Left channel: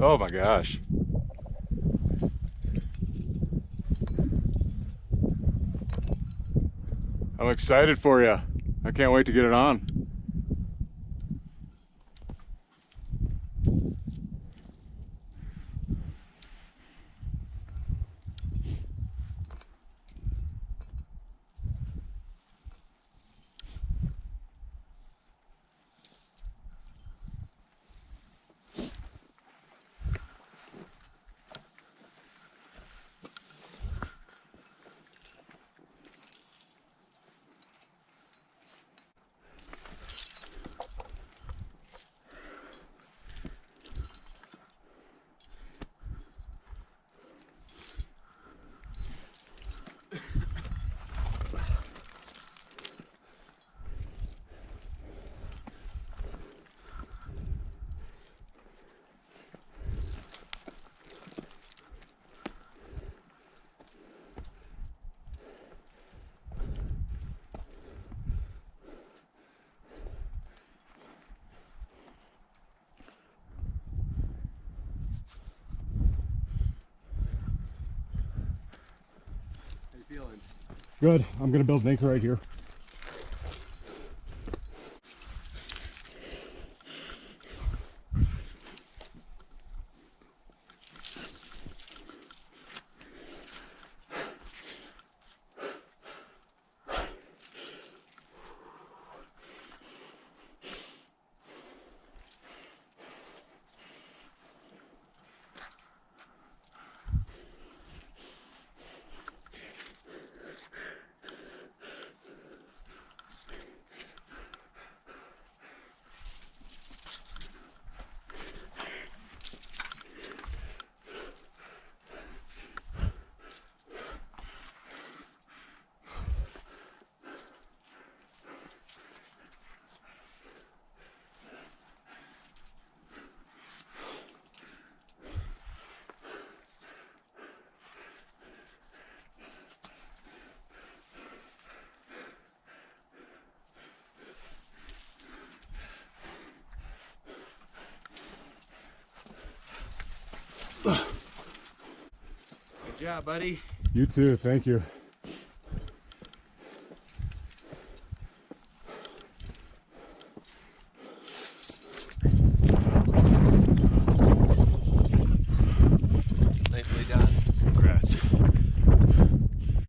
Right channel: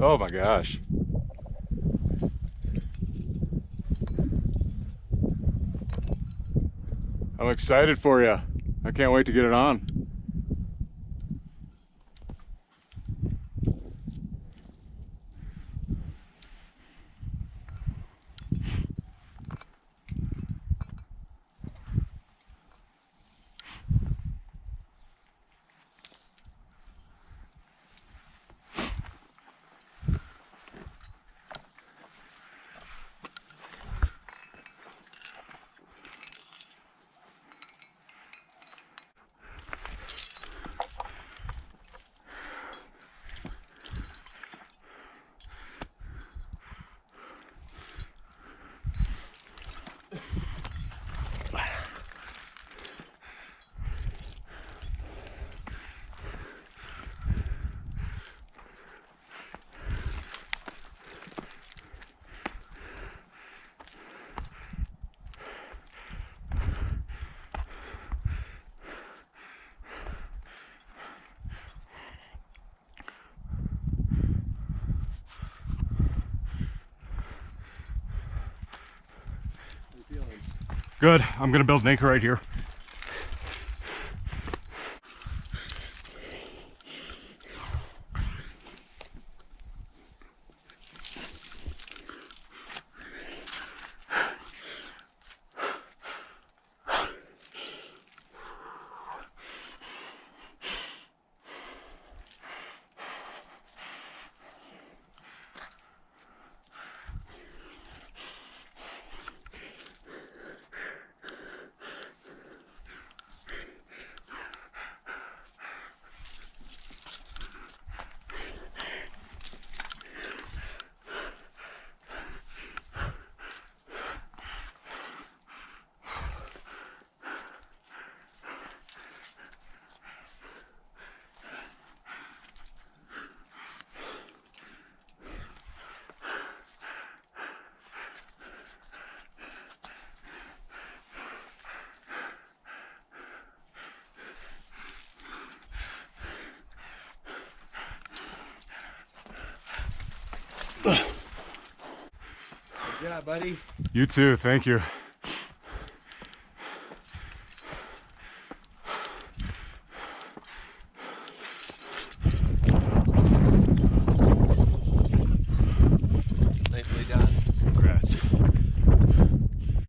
Oh my gosh. I'm excited for you. I can't wait to get it on. How you feeling? Good. I'm gonna build an anchor right here. Good job, buddy. You too. Thank you.